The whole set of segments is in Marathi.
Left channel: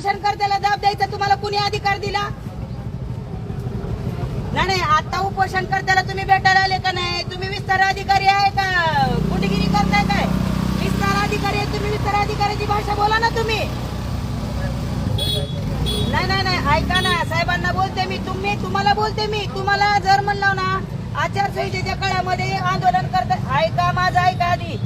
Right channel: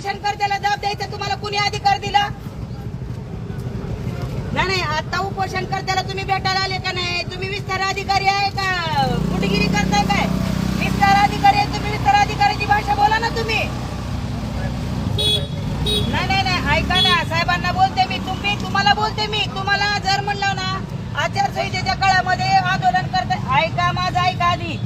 उपोषण करत्याला दाब द्यायचा तुम्हाला कुणी अधिकार दिला? नाही नाही आता उपोषणकर्त्याला तुम्ही भेटायला आले का नाही? तुम्ही विस्तार अधिकारी आहे का? कुठेगिरी करताय काय? विस्तार अधिकारी आहे तुम्ही विस्तार अधिकाऱ्याची भाषा बोला ना तुम्ही. नाही नाही नाही ऐका ना साहेबांना बोलते मी. तुम्ही तुम्हाला बोलते मी. तुम्हाला जर म्हणलं ना आचारसंहितेच्या काळामध्ये आंदोलन करता ऐका माझं ऐका आधी.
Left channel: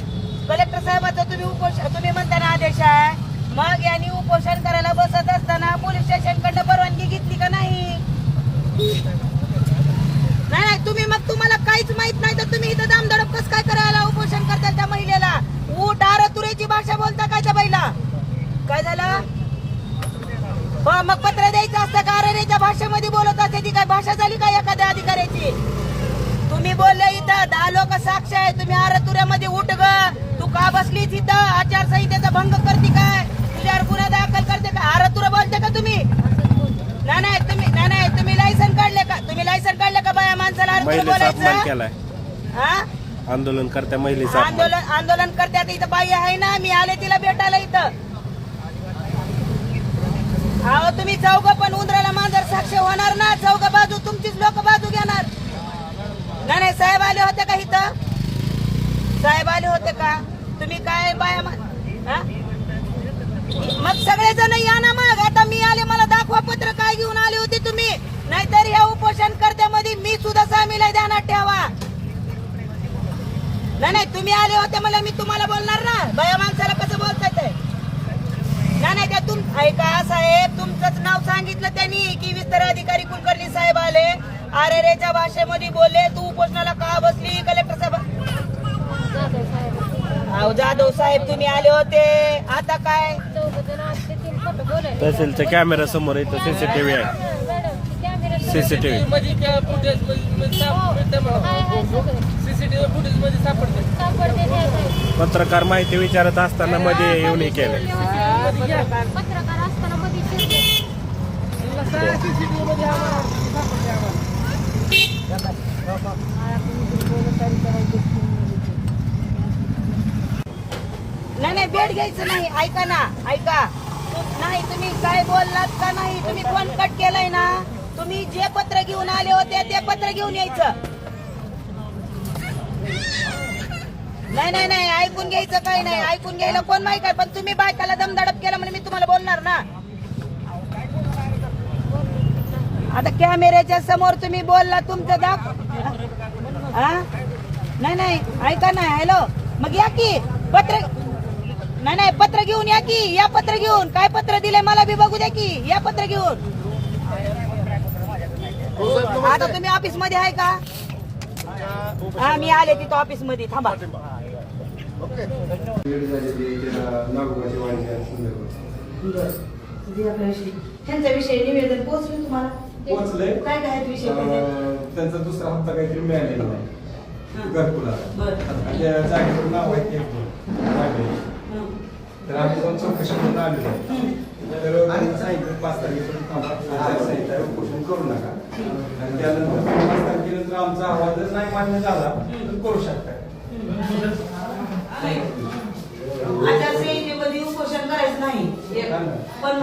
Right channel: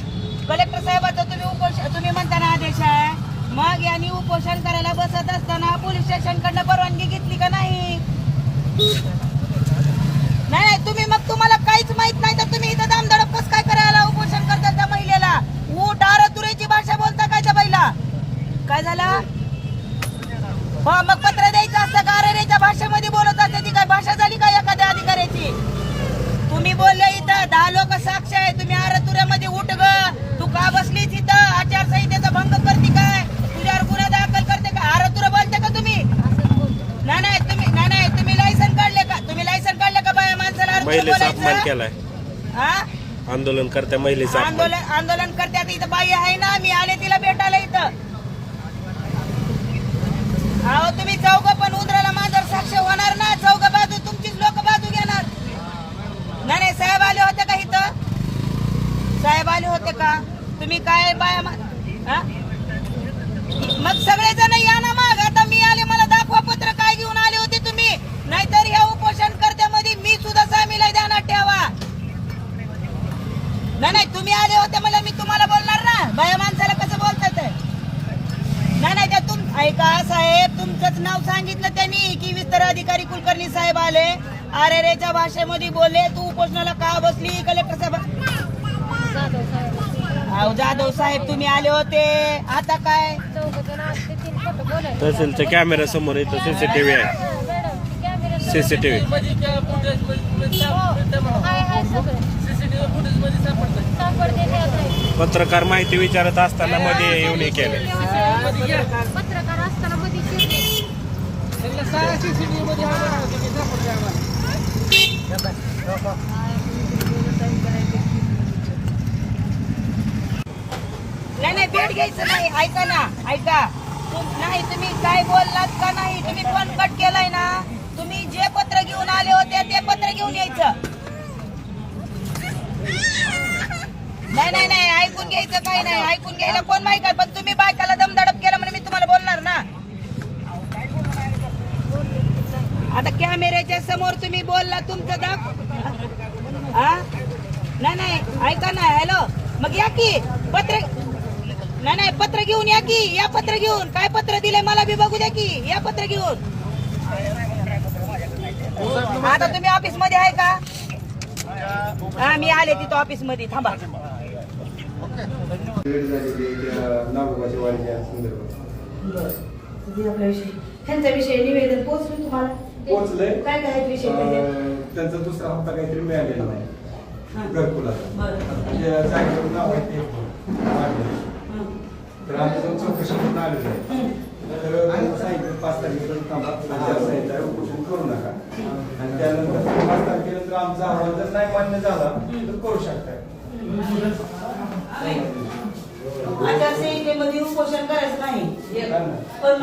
कलेक्टर साहेबाचा तुम्ही उपोषण तुम्ही म्हणता ना आदेश आहे. मग यांनी उपोषण करायला बसत असताना पोलीस स्टेशन कडनं परवानगी घेतली का नाही नाही नाही तुम्ही मग तुम्हाला काहीच माहीत नाही तर तुम्ही इथं दामदडप कस काय करायला उपोषण करता त्या महिलेला ऊट आर तुरेची भाषा बोलता काय त्या बाईला काय झालं हो मग पत्र द्यायचं असतं का अरेरेच्या भाषेमध्ये बोलत असते ती काय भाषा झाली का एखाद्या अधिकाऱ्याची तुम्ही बोलले इथं दहा लोक साक्ष आहे तुम्ही आरतुऱ्यामध्ये उठ ग तू का बसलीच इथं आचारसंहितेचा भंग करते काय तुझ्यावर गुन्हा दाखल करते का आरतुरा बोलते का तुम्ही नाही नाही तुम्ही नाही नाही तुम्ही लायसन काढले का तुम्ही लायसन काढले का बाया माणसाला आरतुरं महिलेचा अपमान केलाय. आंदोलन करत्या महिलेचा अपमान. आंदोलन आंदोलन इथं बाई आहे ना मी आले तिला भेटायला इथं. अहो तुम्ही चौघ पण उंदराला मांजर साक्ष होणार ना? चौघ बाजू तुमचीच लोक बाजू घेणार. नाही नाही साहेब आले होते का इथं? साहेब आले होते का? तुम्ही काय बाया मा- हा? मग सगळेजण या ना मग. आता मी आले मला दाखवा पत्र काय घेऊन आले होते तुम्ही? नाहीतर ह्या उपोषण करत्यामध्ये सुद्धा स्वामीला ध्यानात ठेवा. नाही नाही तुम्ही आले होते मला मी तुम्हाला बोलणार ना. बाया माणसाला कसं बोलतात नाही नाही त्यातून ऐका साहेब तुमचंच नाव सांगितलं त्यांनी की विस्तार अधिकारी कुलकर्णी साहेब आले. अरे रेच्या भाषेमध्ये बोलले तू उपोषणाला का बसली? कलेक्टर साहेब जाधव साहेब तुम्ही आले होते. आता काय? तहसीलच्या कॅमेरा समोर येतो सीसीटीव्ही आहे. सीसीटीव्ही पत्रकार माहिती विचारत असताना मध्ये येऊन हे केलं. पत्रकार असताना मध्ये शिरले. नाही नाही बेड घ्यायचं नाही. ऐका ना ऐका. नाही तुम्ही काय बोललात का नाही? तुम्ही फोन कट केलाय ना. तुम्ही जे पत्र घेऊन आले होते ते पत्र घेऊन यायचं. नाही नाही नाही ऐकून घ्यायचं काही नाही. ऐकून घ्यायला कोण माहिती काय पण तुम्ही बायकाला दमदडप केलं म्हणून मी तुम्हाला बोलणार ना. आता कॅमेऱ्याच्या समोर तुम्ही बोलला तुमचं दाख हा नाही नाही ऐका ना हॅलो. मग या की पत्र नाही नाही पत्र घेऊन या की या पत्र घेऊन. काय पत्र दिलंय मला बी बघू द्या की या पत्र घेऊन. आता तुम्ही ऑफिसमध्ये आहे का? हा मी आले तिथं ऑफिसमध्ये थांबा निवेदन पोहोचलं तुम्हाला? पोहोचलंय. काय काय विषय त्याच्यात? अं, त्यांचा दुसरा हप्ता काहीतरी मिळालेला नाही. घरकुलाचा. बरं. आणि त्या जागेवर नाव आहे ते वाढले हा. तर आम्ही जाऊन चौकशी करून आलेलो आहे. आणि सांगितलं पाच तारखेपर्यंत थांबा उपोषण करू नका आणि त्यानंतर पाच तारखेनंतर आमचा अहवाल जर नाही मान्य झाला तर करू शकता आचारसंहितेमध्ये उपोषण करायचं नाही पण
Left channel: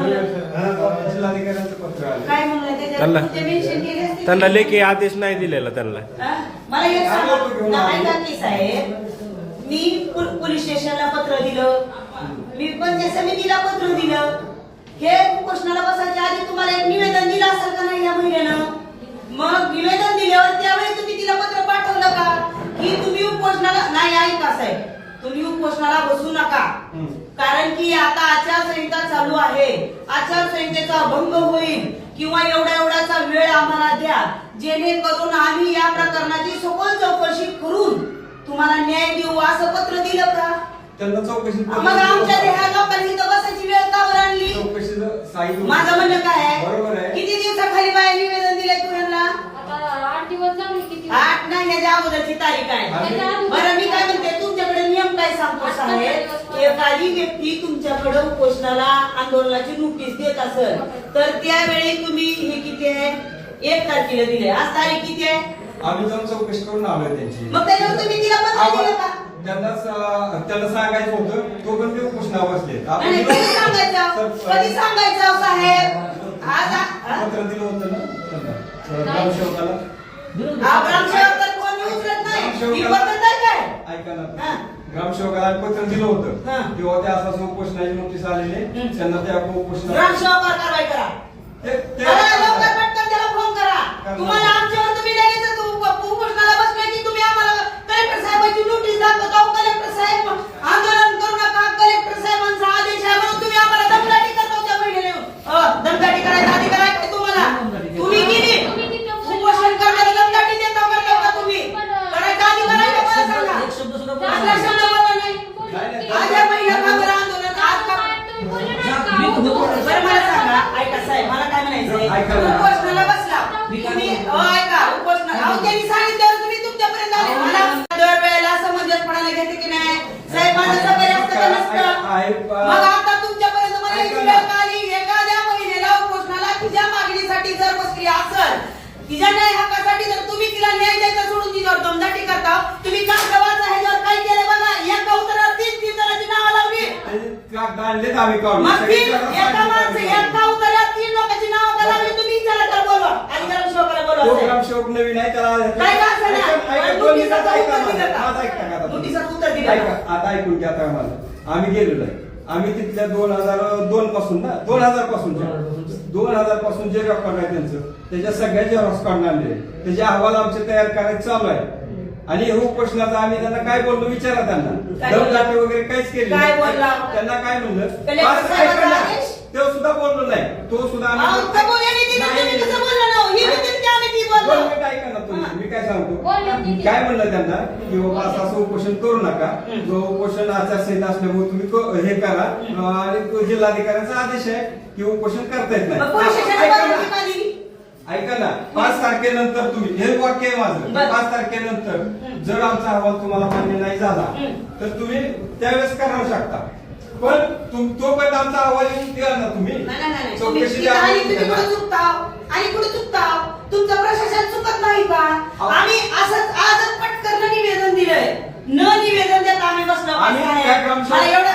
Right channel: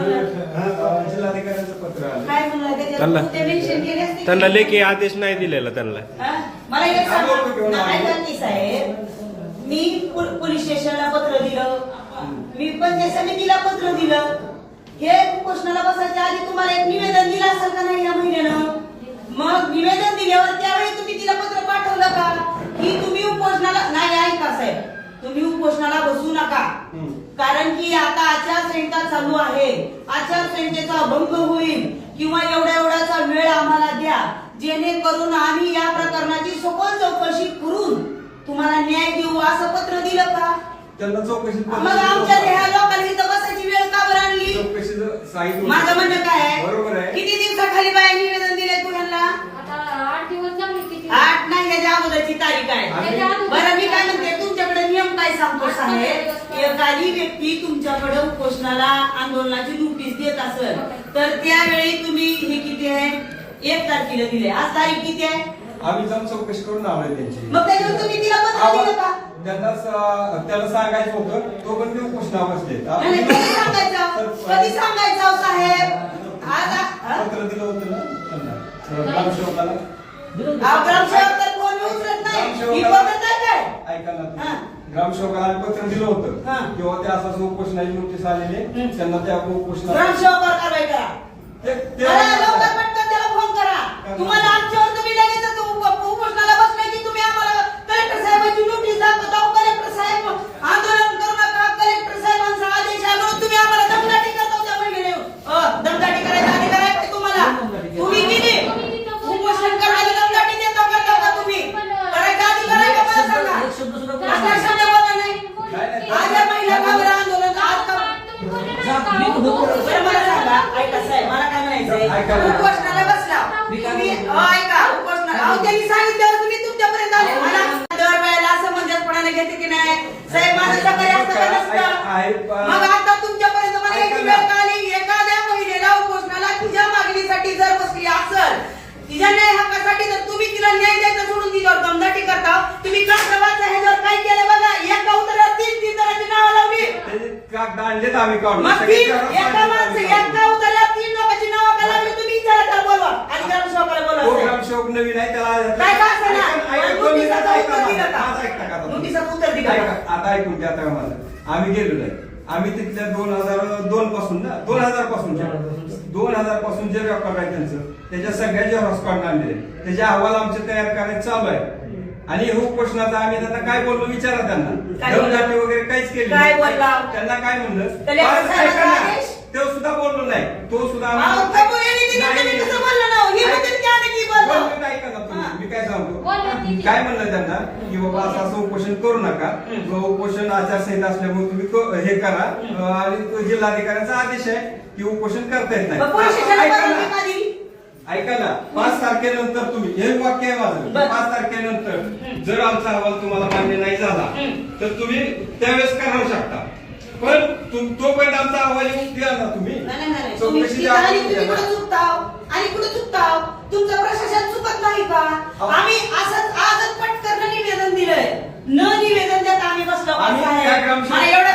जिल्हाधिकाऱ्यांचं पत्र आलं काय म्हणलं त्याच्यात त्यांना- ते mention केले असते. त्यांना लेखी आदेश नाही दिलेला त्यांना हा? मला एक सांगा ऐका की साहेब मी पो- पोलीस स्टेशनला पत्र दिलं मी पंचायत समितीला पत्र दिलं हे उपोषणाला बसायच्या आधी तुम्हाला एक निवेदन दिलं असेल का नाही या महिन्यानं मग निवेदन दिल्यावर त्यावेळी तुम्ही तिला पत्र पाठवलं का? की तुम्ही उपोषणाला नाही ऐका साहेब. तुम्ही उपोषणाला बसू नका. कारण की आता आचारसंहिता चालू आहे. आचारसंहितेचा भंग होईल. किंवा एवढा एवढाचा वेळ आम्हाला द्या. जेणेकरून आम्ही या प्रकरणाची सखोल चौकशी करून तुम्हाला न्याय देऊ असं पत्र दिलं का? त्यांना चौकशी मग आमच्या ह्या लोकांनी इथं बसायची वेळ का बरं आणली चौकशी सांगितलं माझं म्हणणं काय बरोबर आहे. किती दिवसाखाली बाय निवेदन दिलंय तुम्हाला? आता आठ दिवस झाले किती आठ नाही ह्याच्या अगोदरची तारीख आहे. त्याच्या बरं मी काय म्हणते तुमच्याकडे नियम काय सांगतो साहेब? एखादी व्यक्ती तुमच्याकडे उपोषणाला आंदोलनाची नोटीस देत असेल तर त्यावेळी तुम्ही हे किती आहे? एक तारखेला दिले आज तारीख किती आहे? आम्ही जाऊन चौकशी करून आलोय त्यांची. मग त्याच्यावर तुम्ही तिला पत्र दिलं का? त्यांना त्याला सांगायचं होतं तो पण ते उपोषणा बसले नाही, नाही, कधी सांगायचं? कधी सांगायचं साहेब? आज हा? पत्र दिलं होतं ना? ग्रामसेवकाला. ऐका. ना. ग्रामसेवकाला पत्र दिलं. होतं. किंवा ते असं उपोषणाची नोटीस आलेली. त्यांना त्या उपोषणा ग्रामसेवकावर कारवाई करा. तुम्हाला आमच्यावर तुम्ही लगेच तो उप- उपोषणाला बसलाय की तुम्ही आम्हाला कलेक्टर साहेबांची नोटीस दाखवता अहो, कलेक्टर साहेब आंदोलन करू नका कलेक्टर साहेबांचा आदेश आहे म्हणून तुम्ही आम्हाला दमदाटी करता त्या महिलेने अ, दमदाटी करायचा अधिकार आहे का तुम्हाला तुम्ही केली उपोषण करण्याला दमदाटी देता करता का तुम्ही करायचा अधिकार आहे का मला सांगा कसला शब्द बोलला नाही आज या महिला का बरं आंदोलन आज का बरं मला सांगा ऐका साहेब मला काय म्हणायचंय ऐका ना. उपोषणाला बसला तुम्ही अहो, ऐका उपोषणा अहो त्यांनी सांगितल्यावर तुम्ही तुमच्यापर्यंत आले मला दरवेळेला असं मंजसपणाला घेते की नाही साहेब माझं सकाळी असतं का नसतं आहे, आहे. मग आता तुमच्यापर्यंत मला ना. वेळ का आली एखाद्या महिलेला उपोषणाला तिच्या मागणीसाठी जर बसली असल तिच्या न्याय हक्कासाठी जर तुम्ही तिला न्याय द्यायचा सोडून तिच्यावर दमदाटी करता तुम्ही का प्रवास ह्याच्यावर काय केलं बघा एका उत्तरावर तीन तीन जणांची नावं लावली ते कागद आणलेत आम्ही काढून मग तीन सगळे एका माणसं एका उतरल्यावर तीन लोकांची नावं का लावली तुम्ही बोलवा आणि तो बोलवा ग्रामसेवक नवीन आहे त्याला काय का असेना? ऐका- ऐका, दोन मिनिटं नोटिसाचं ऐका उत्तर. दिलं का? माझं ऐका का आता? नोटिसाचं उत्तर दिलं ऐका, का? आता ऐकून घ्या आता मला आम्ही गेलेलो आहे आम्ही तिथल्या दोन हजार दोन पासून ना दोन हजारपासून दोन हजारपासून जे रेकॉर्ड आहे त्यांचं त्याच्या सगळ्या झेरॉक्स काढून आणलेले. त्याचे अहवाल आमचे तयार करायचे चालू आहे आणि हे उपोषणाचा आम्ही त्यांना काय बोललो विचारा त्यांना? दमदाटी वगैरे काहीच केली नाही. त्यांना काय म्हणलं? तो सुद्धा बोललो नाही. तो सुद्धा आम्ही- मिनिटं ऐका ना तुम्ही. मी काय सांगतो. काय म्हणलं त्यांना? की बाबा असं असं उपोषण करू नका. उपोषण आचारसंहिता असल्यामुळे तुम्ही हे करा. आणि तो जिल्हाधिकाऱ्यांचा आदेश आहे की उपोषण करता येत नाही. ऐका ना. पाच तारखेनंतर तुम्ही हे वाक्य आहे माझं. पाच तारखेनंतर जर आमचा अहवाल तुम्हाला मान्य नाही झाला. तर तुम्ही त्यावेळेस करू शकता. पण तोपर्यंत आमचा अहवाल येऊन द्या ना तुम्ही. चौकशी आणि. कुठं चुकताव? चुकताव तुमचं प्रशासन चुकत नाही का? अहो. आम्ही असंच आजच पटकन निवेदन दिलंय. न निवेदन देत आम्ही बसलो मला एवढ्या.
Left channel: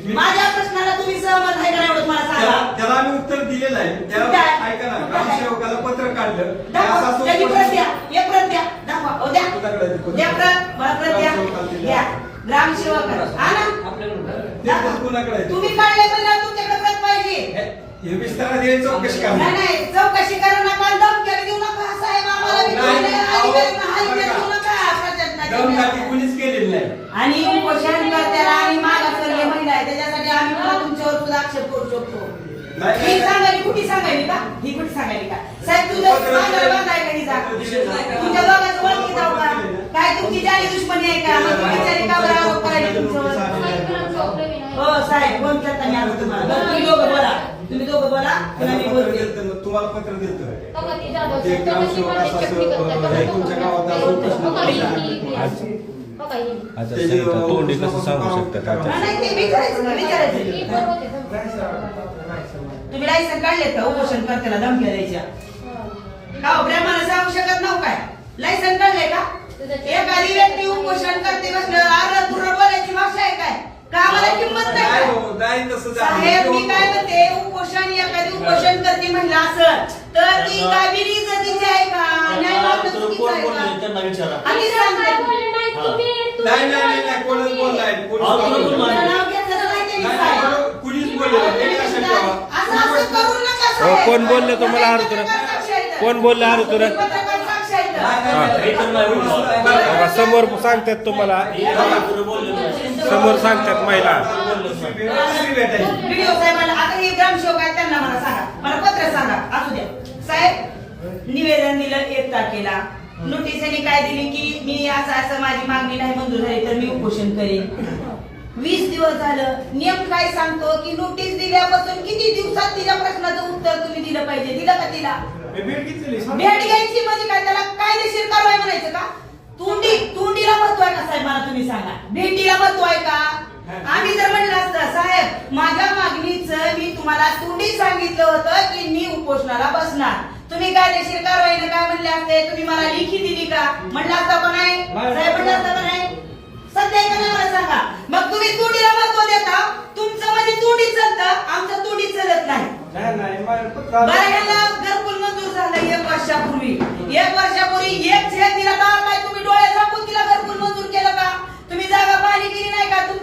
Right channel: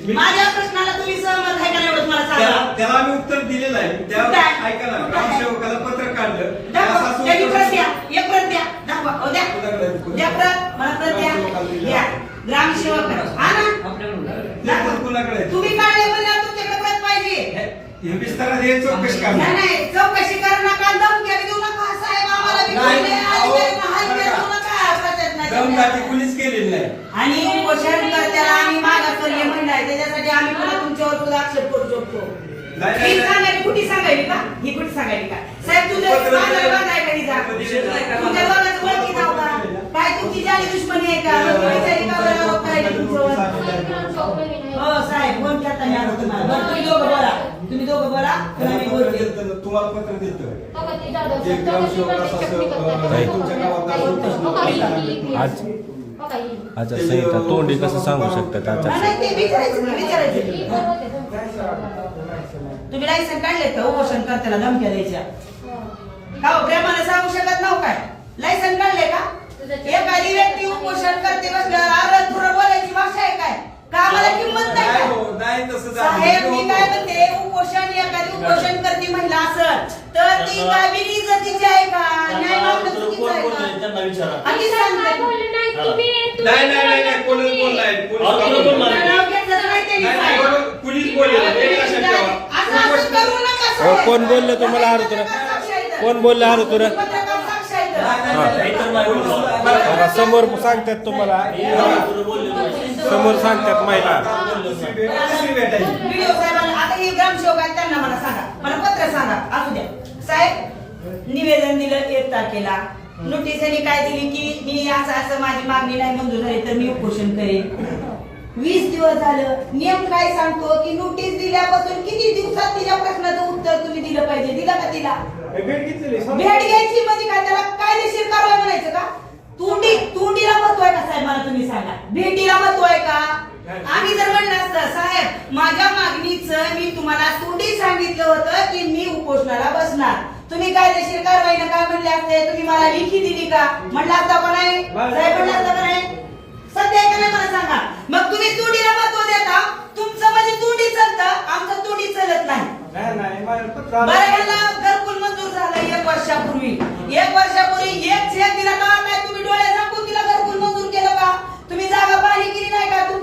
मी- माझ्या प्रश्नाला तुम्ही सहमत आहे का नाही एवढंच मला सांगा. त्याला आम्ही उत्तर दिलेलं आहे त्या कुठं आहे? ऐका ना कुठं आहे? ग्रामसेवकाला पत्र काढलं दाखवा असं त्याची असं प्रत द्या एक प्रत द्या दाखवा हो द्या कुणाकडे आहे ते पत्र? द्या प्रत मला प्रत द्या ग्रामसेवकाला दिलं. द्या ग्रामसेवक हा ना ते पत्र कुणाकडे आहे? तुम्ही काढले म्हणल्यावर तुमच्याकडे प्रत पाहिजे हे विस्तारात हे चौकशी नाही करणार नाही चौकशी करू नका धमक्या देऊ नका साहेब आम्हाला बी नाही, दिलेल्या अहो. देऊ नका नाही कुणीच केलेली नाही. आणि उपोषण करत्याला त्याच्यासाठी आम्ही पुन्हा तुमच्यावर सुद्धा आक्षेप करू शकतो. नाही, नाही, ही नाही. सांगायची कुठे सांगायली का? ही कुठे सांगायली का? साहेब तुझ्या का हिचा तुमच्या दोघांचं ओळखी जाऊ का? काय तुमची जाली दुश्मनी आहे का? मग ती बिचारी का बरं? आरोप करायची तुमच्यावर? हो साहेब फोन करता मी आज तुम्हाला? बरं, तुम्ही दोघं बोला. तुम्ही दोघं बोला त्यांना मी पत्र बोलते दिलं, तुम्हाला पत्र देतं ते ग्रामसेवक असं असं, अं, तुमच्या गावात असं उपोषण आज अच्छा संहिता तोंडी कसं सांगू शकतात नाही, आता नाही, ते विचारायचं ते विचारायचं तुम्ही लायसन काढलेत का उपोषण करताना धमक्या द्यायच्या का हो, प्रेमाला सांगू शकत नव्ह काय लायसन काढले का एखादी व्यक्ती उपोषण करते कसलं आरत पुरं बोलायची भाषा आहे काय का आम्हाला किंमत नाही नाही का? हो, नाही तसं झालं. साहेब मी काय म्हणते उपोषण एखादी उपोषण करते म्हणलं असं तर ती काय बिनइज्जतीची आहे का न्याय मागणं चुकीचं आहे का? आधीच सांगते. नाही नाही नाही नाही, कोणच बोललाय कोणच अहो, बोललाय. तुला नाव घेतलं तर नाही त्यांनी नाही, साहेब. बरोबर, कुणीच बोललेलं नाही. हे लक्षात ठेवा. असं असं करू नका हो, साहेब. कोण बोललं तुम्हाला हारुतुरा? कोण बोललं हारुतुरा? पत्रकार साक्ष आहेत. बघा समोर सांगतात तुम्हाला समोर सांगतात महिला. व्हिडिओ साहेबांना आता ही ग्रामसेवक आहे त्यांना मला सांगा. मला पत्र सांगा. असू द्या. साहेब निवेदन दिलं एक तारखेला. नोटीस यांनी काय दिली की मी असं असं माझी मागणी नाही मंजूर झाली तर मी उपोषण करेन. वीस दिवस झालं. नियम काय सांगतो की नोटीस दिल्यापासून किती दिवसात तिच्या प्रश्नाचं उत्तर तुम्ही दिलं पाहिजे? दिलं का तिला? भेट घ्यायची म्हणजे काय? त्याला कायदेशीर कारवाई म्हणायचं का? तोंडी तोंडीला महत्त्व आहे का साहेब? मला तुम्ही सांगा. भेटीला महत्त्व आहे का आम्ही जर म्हणलं साहेब माझ्या मागणीचं मी तुम्हाला तोंडी सांगितलं होतं की मी उपोषणाला बसणार. तुम्ही कायदेशीर कारवाईनं काय म्हणले असते. तुम्ही मला लेखी दिली का? म्हणलं असता का नाही? साहेब म्हणलं असता का नाही? सध्या का नाही मला सांगा. मग तुम्ही तोडीला महत्त्व देता? तुमचं मध्ये तोडीत चालतं. आमचं तोडीत चालत नाही. घरकुल मंजूर झालं एक वर्षापूर्वी. एक वर्षापूर्वी एक झेल दिला का? काय तुम्ही डोळे झाकून तिला घरकुल मंजूर केलं का? तुम्ही जागा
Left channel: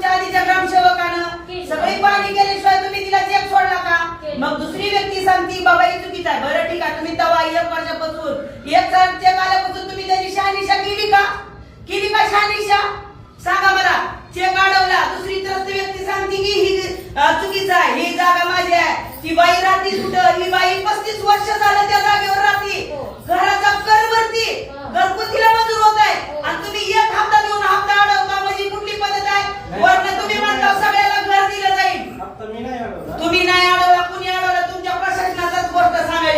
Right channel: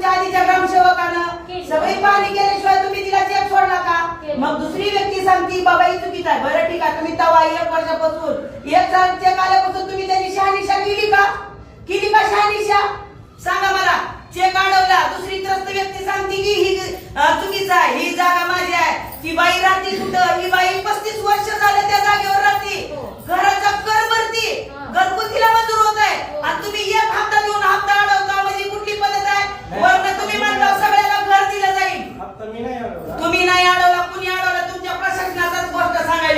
तुमच्या आधीच्या ग्रामसेवकानं सगळी पाहणी केल्याशिवाय तुम्ही तिला चेक सोडला का? मग दुसरी व्यक्ती सांगती बाबा ही चुकीचं आहे. बरं ठीक आहे. तुम्ही तवा एक वर्षापासून एक चेक आल्यापासून तुम्ही त्याची शहानिशा केली का? केली का शहानिशा? सांगा मला. चेक अडवला. दुसरी त्रस्त व्यक्ती सांगते की ही चुकीचं आहे. ही जागा माझी आहे. ती बाई राहते कुठं ही बाई पस्तीस वर्ष झालं त्या जागेवर राहते घराचा कर भरती घरगुतीला मंजूर होत आहे आणि तुम्ही एक हप्ता देऊन हप्ता अडवता म्हणजे कुठली पद्धत आहे वरनं तुम्ही म्हणता सगळ्याला घर दिलं जाईल आता मी नाही आलो. तुम्ही नाही अडवला कुणी अडवला तुमच्या प्रशासनाचाच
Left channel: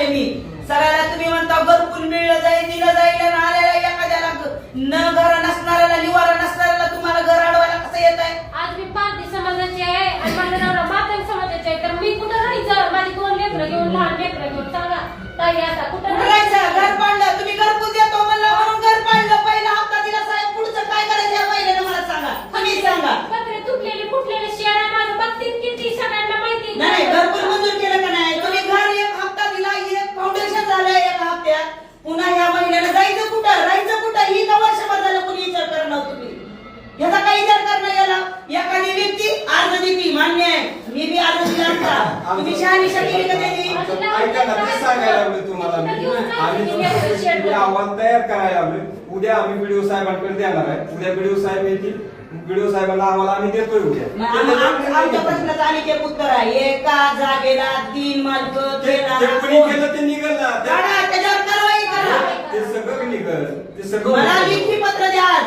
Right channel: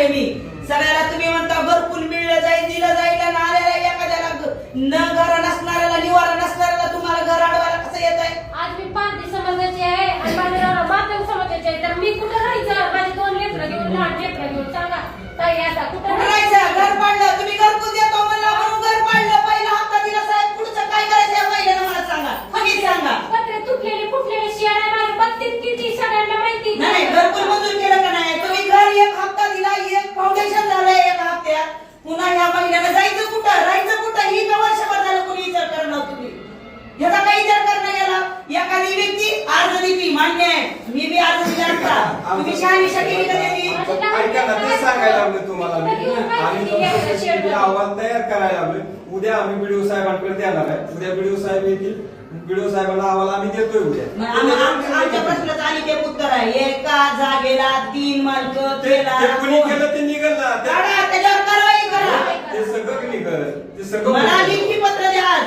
सांगायले मी सगळ्याला तुम्ही म्हणता घरकुल मिळलं जाईल दिलं जाईल आणि आलेला एखाद्याला न घर नसणाऱ्याला निवारा नसणाऱ्याला तुम्हाला घर अडवायला कसं येत आहे? आज मी पारधी समाजाची आहे आणि माझं नवरा मातंग समाजाची आहे. तर मी कुठं राहायचं? माझी दोन लेकरं घेऊन लहान लेकरं घेऊन. सांगा ताई आता कुठं कुठं राहायचं? घर पाडलं. तुम्ही घरकुल देतो म्हणलं म्हणून घर पाडलं पहिला हप्ता दिला साहेब पुढचं काय करायचं या महिन्यानं मला सांगा तुम्ही सांगा पत्रे तुटलेले फुटलेले शेड आहे माझं बत्तीस किती सगळ्यांना माहिती नाही नाही, घरकुल मंजूर केलं का नाही तुम्ही घर एक हप्ता दिला एक फाउंडेशन झालंय एक हप्त्यात पुन्हा या महिन्याला जायचं कुठं? राहायचं कुठं? ही का वर्षभर झालं कोणी विचार करणार तुम्ही. याचा काही विचार करणं गेला एखादी व्यक्ती अर्ज दिली मान्य आहे. मी बी अर्ज दिला असता तुम्ही शहानिशा केली का त्याची ऐका ना ते सांगायला लागलो तुम्हाला मी. आणि तुमचे अहवाल तयार करायला लागलो उद्या आम्ही बीडीओ साहेबांकडे देणार आहे. उद्या बीडीओ साहेब येतील. बीडीओ साहेबांना अहवाल आम्ही देतोय उद्या. आम- आम- आमच्या प्रश्नाचं आणि एक उत्तर आहे. एका जागेला तीन मालक ते ते कोणी केलं ते निघल. ना ते- त्याच्यावर कारवाई करा ते सगळं निघल. ते सगळं मला. लेखी पत्र द्या. आज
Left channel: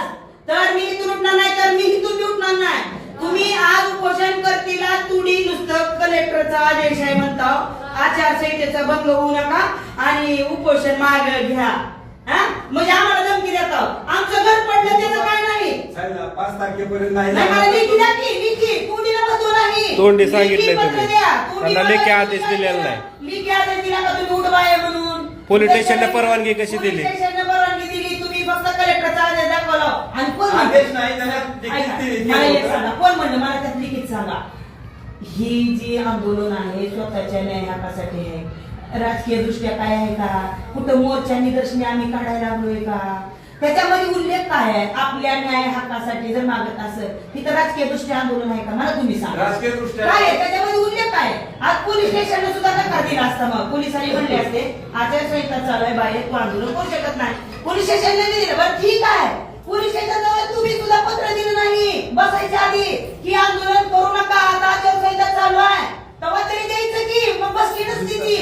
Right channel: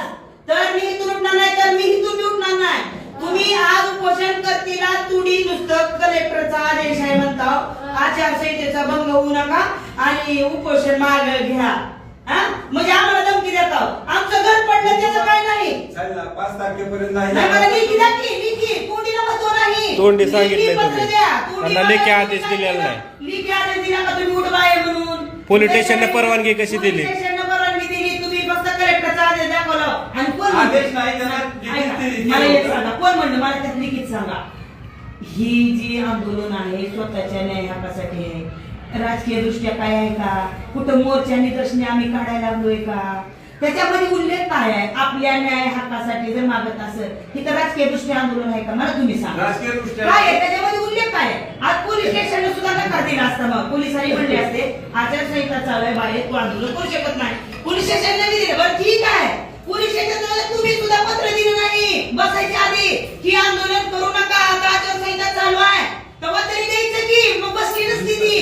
तर मी इथून उठणार नाही तर मी इथून उठणार नाही. तुम्ही आज उपोषण करतीला तुडी नुसतं कलेक्टरचा आदेश आहे म्हणता. आचारसंहितेचा भंग होऊ नका आणि उपोषण माग घ्या. हा? म्हणजे आम्हाला धमकी देता. आमचं घर पडलं त्याचं काय नाही. पाच तारखेपर्यंत नाही. तोंडी सांगितलंय तुम्ही. त्यांना लेखी आदेश दिलेला नाही. लेखी आदेश दिला का तुम्ही? उठवा आहे म्हणून. पोलीस स्टेशनने परवानगी कशी दिली? परवानगी दिली. तुम्ही फक्त कलेक्टरचा आदेश दाखवला. आणि कोण म्हणतं? आदेश नाही त्यांना लिखित ऐका, दिली. मला एक सांगा. कोण म्हणलं मला त्यात लिखित सांगा. ही जी आंदोलन आहे स्वतःच्या न्याय हक्कासाठी आहे राजकीय दृष्ट्या काय आहे का? कुठं मोर्चा निदर्शने आम्ही काढायला लागलोय का? त्याच्यामध्ये उल्लेख काय आहे? आपल्या न्याय हक्कासाठी जर मागत असेल तिथं राजकीय दृष्ट्या आंदोलन आहे का? मला तुम्ही सांगा. राजकीय दृष्ट्या? काय आहे? त्याच्यामध्ये उल्लेख काय आहे? आज पोलीस स्टेशनने सुद्धा नकार दिला असता मग. पोलिसांनी म्हणले असते आचारसंहिता चालू आहे बाहेर तू आंदोलन करू शकत नाही. पोलीस स्टेशनने नाही दिलं बरं ठीक आहे. पोलीस स्टेशनला तुम्ही सुद्धा पत्र दिलं नाही. बसायच्या आधी की आंदोलन करू नका आता आचारसंहिता चालू आहे. तेव्हा तरी द्यायचं की मग बसली नसती ती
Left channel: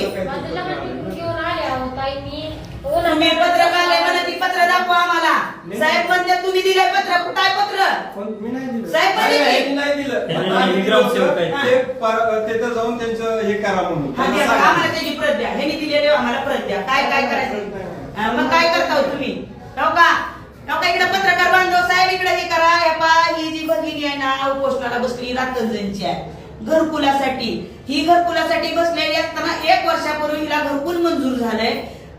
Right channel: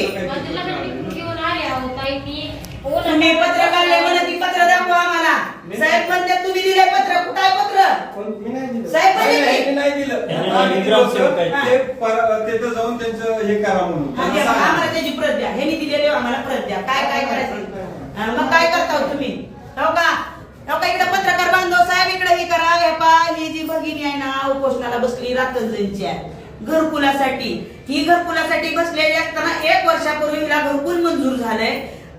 घेऊन आले आहो ताई मी हो ना. तुम्ही पत्र काढलंय म्हणा ती पत्र दाखवा आम्हाला साहेब म्हणते तुम्ही दिलंय पत्र कुठं आहे पत्र पण मी नाही दिलं. साहेब नाही, दिली? मी नाही दिलं. त्यांनी आम्ही नाही दिलं ग्रामसेवक आहे. होतं. ते पर- तिथं जाऊन त्यांचं हे करा म्हणून हा, त्यांना द्या, सांगा. आम्हाला त्याची प्रत द्या हे दिलेले आम्हाला प्रत द्या काय काय करायचं हा, मग काय करता हो तुम्ही हो का हो का इकडे पत्रकार बांधव साहेब इकडे हे करा हे पा ही जी भगिनी आहे ना उपोषणाला बसली रातंजनची आहे घरकुलासाठी ही घरकुलासाठी बसलेली असताना एक वर्षापूर्वी हिला घरकुल मंजूर झालंय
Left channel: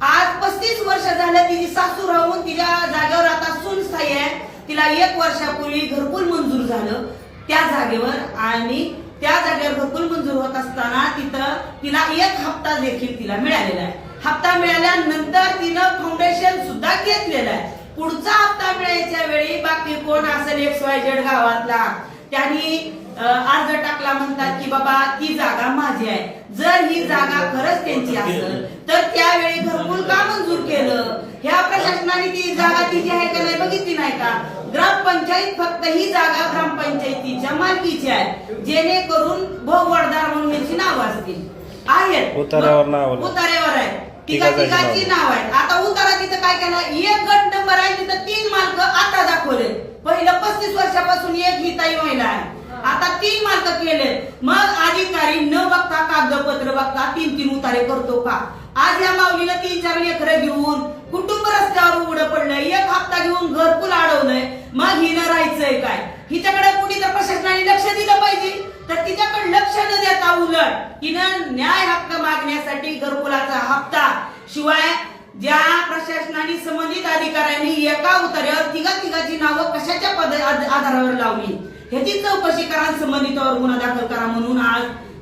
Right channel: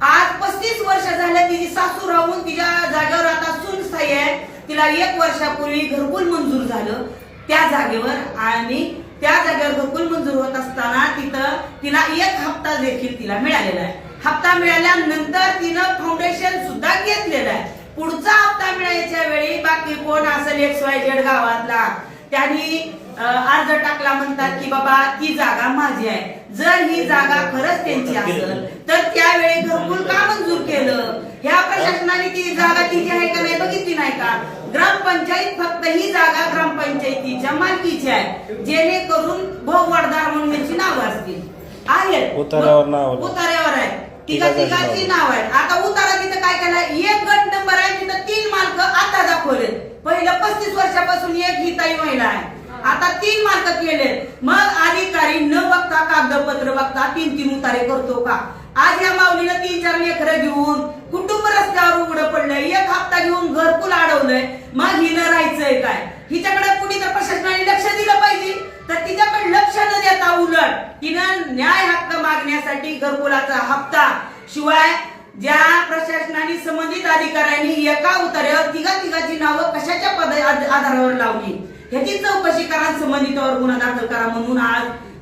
आज पस्तीस वर्ष झालं तिची सासू राहून तिच्या जागेवर आता सून स्थायी आहे. तिला एक वर्षापूर्वी घरकुल मंजूर झालं. त्या जागेवर आणि त्या जागेवर घरकुल मंजूर होत असताना तिथं तिला एक हप्ता देखील तिला मिळालेला आहे. हप्ता मिळाल्यानंतर तिनं फाउंडेशन सुद्धा घेतलेलं आहे. पुढचा हप्ता मिळायच्या वेळी बाकी कोण असेल एक्स वाय झेड गावातला त्यांनी अर्ज टाकला म्हणतात की बाबा ती जागा माझी आहे. जर ही जागा खरंच त्यांची असेल तर त्यावेळी घरकुल का मंजूर केलं? ह्या प्रशासनाने ती जागा तिची आहे का नाही बघितली नाही का? ग्रामपंचायत फक्त ही जागा ग्रामपंचायतीच्या मालकीची आहे जेणेकरून भोगवडदार म्हणून याची नाव असतील. आहेत. उतार्यावर नाव. उतार्यावर आहे. तिघा तिघाची नाव. आहे आता उतारा तिथं काय केलं? एक गट नंबर आहे तिथं तीन मार्क आता दाखवले पहिलं पस्तीस वर्षापासून एक ही ताई महिला आहे. आता तीन मार्क केले मग अधिकारी न बघता कागदपत्र बघता तीन तीन उतारे करतो का? आज या माऊलीला तीन चार लेकरं घेऊन कुटुंब रस्त्यावर उघडं पडलं एक हप्ता घेऊन घरकुल अडवलंय. मग हिनं राहायचंय काय? हिच्याकडे कुणी तर प्रशासनाने लक्ष दिलं पाहिजे. तर तिच्याकडे लक्ष न देता उलट तिनं न्याय हक्क मागण्यासाठी घरकुलाचा हप्ता शिवाय ज्या प्रशासनाने संबंधित अधिकाऱ्यांनी एका उतार्यावर तिघा तिघाची नावं कशाच्या पद आधारावर लावली? ह्याची चौकशी करा संबंधितावर गुन्हा दाखल करा म्हणून आज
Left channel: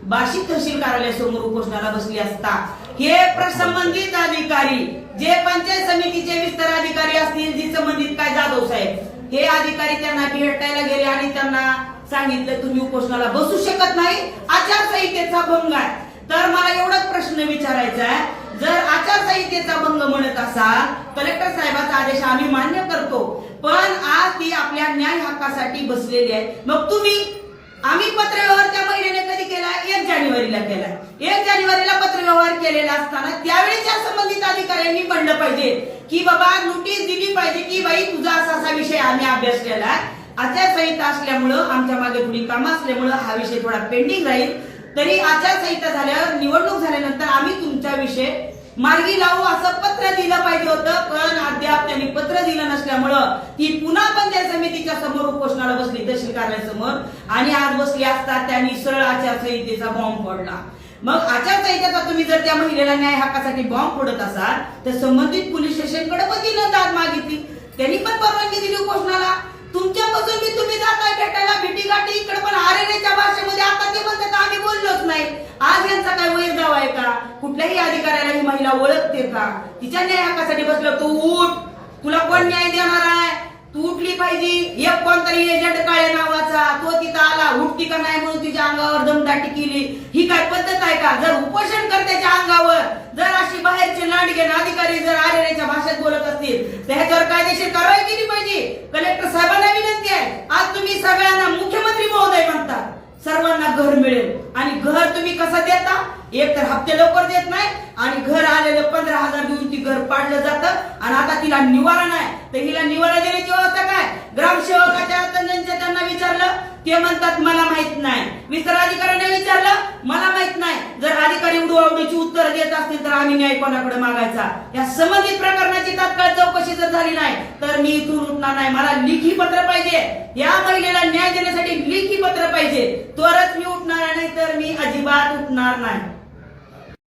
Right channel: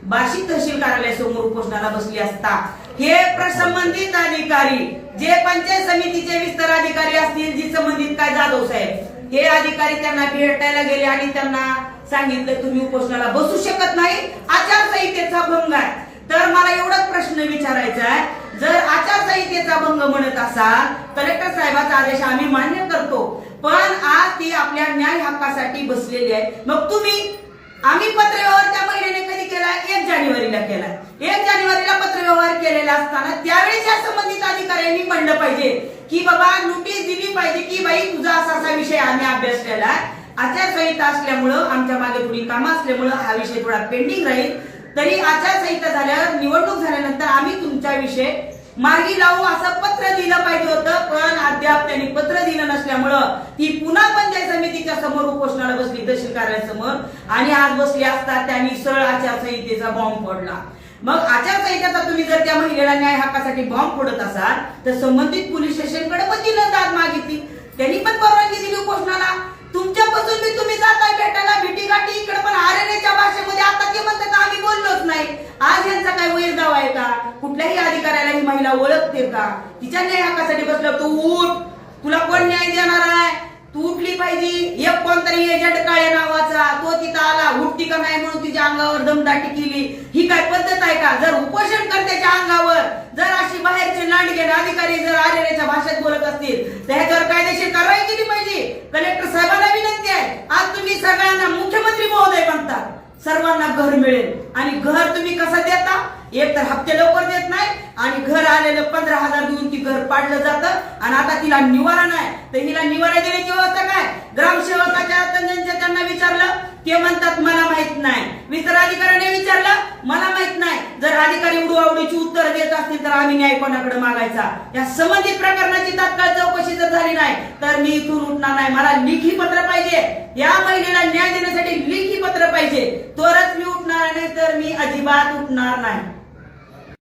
बार्शी तहसील कार्यालयासमोर उपोषणाला बसली असता. हे संबंधित अधिकारी जे पंचायत समितीचे विस्तार अधिकारी असतील जी संबंधित काय जाधव साहेब हे अधिकारी त्यांना भेटायला गेले आणि त्यांना सांगितलं तुम्ही उपोषणाला बसू शकत नाही. आचारसंहितेचा भंग आहे. तर मला एवढाच प्रश्न विचारायचा आहे जर आचारसंहितेचा भंग म्हणत असाल कलेक्टर साहेबाचा आदेश आम्ही मान्य करतो. पण आज ती आपल्या न्याय हक्कासाठी बसलेली आहे. मग तुम्ही आम्ही पत्रव्यवहार त्या महिलेने कधी केला? एक जानेवारीला केला. एक जानेवारीला पत्रव्यवहार केलेला असताना त्यावेळी त्या संबंधित अधिकाऱ्यांनी म्हणलं पाहिजे की बाबा नोटीस दिली पाहिजे की बाई तुझा असा असा विषय आम्ही अभ्यास केला. आचारसंहिता असल्यामुळं आमच्या मागे थोडी कामं असल्यामुळं हा विषय थोडा पेंडिंग राहील. तरी आचारसंहिता झाल्यावर निवडणूक झाल्यानंतर आम्ही तुमचा विषय मार्गी लावू असं पत्र दिलं पाहिजे होतं पण अद्याप त्यांनी पत्र दिलं नसल्यामुळं ती पुन्हा पंचायत समितीच्या समोर उपोषणाला बसली तहसील कार्यालयासमोर आणि आज बसली असता त्यांनी सरळ आचारसंहितेचा बॉम्ब फोडला. मग आचारसंहितेचा तुम्ही जर त्या महिलेला न्याय हक्कासाठी बॉम्ब फोडत असाल तर संबंधित पोलीस स्टेशनकडे पण तिनं दाद मागितली. त्यांनी पण परवानगी दिली उपोषणाला. तुमच्यापासून मी तुम्ही जाताय भेटायला भेटी गाठी इकडे पण आरेच्या भाषेमध्ये आता ते म्हणतात आम्ही बोललोच नाही आज यांचा काय वैर दावा आहे का कुठल्याही अधिकाऱ्याला ही महिला ओळखते का? तिच्या न्याय हक्कासाठी बसलं तू उठ. तुला कोण न्याय देणार आहे? तू उठली पाहिजे. एक कोणतरी एजंट काळे नावाचा. तो तिथं आला. उठती का नाही म्हणून तिच्या अंगावर दमदाटी केली. ही काय पद्धत आहे का? जर उपोषण करत्याच्या अंगावर जर अशी बाहेरचे लांडगे अधिकारी जर आरेच्या भाषेत बोलत असतील तर ह्याच्यावर कायदेशीर कारवाई केली पाहिजे. कलेक्टर साहेबांना विनंती आहे. आज तुम्ही सगळ्यांना मुख्यमंत्री महोदय म्हणतात सर्वांना घर मिळेल. आणि घर तुम्ही कसं देता? एक तर हप्ते लवकर देत नाही आणि घर आलेलं पंधरा हजार देऊन ती घर पाडलं जातं. आणि आता तिला निवारा नाही. तर हिला निवारा देण्याची व्यवस्था काय? ग्रामसेवकाच्या त्यांच्या त्यांना विचारलं ते म्हणतात मला माहीत नाही. विस्तार अधिकाऱ्याने विचारलं मला माहीत नाही. जर अधिकारी उडू आवडीची उत्तर देत असतील तर आम्ही न्याय कोणाकडे मागायचा? या संबंधित प्रकरणाची तात्काळ चौकशी जर झाली नाही तर मी इथून उठणार नाही. मला लिखी पत्र पाहिजे. या महिलेला न्याय देण्यासाठी लिखी पत्र पाहिजे. तरच मी उठणार नाही तर मी अजिबात उठणार नाही.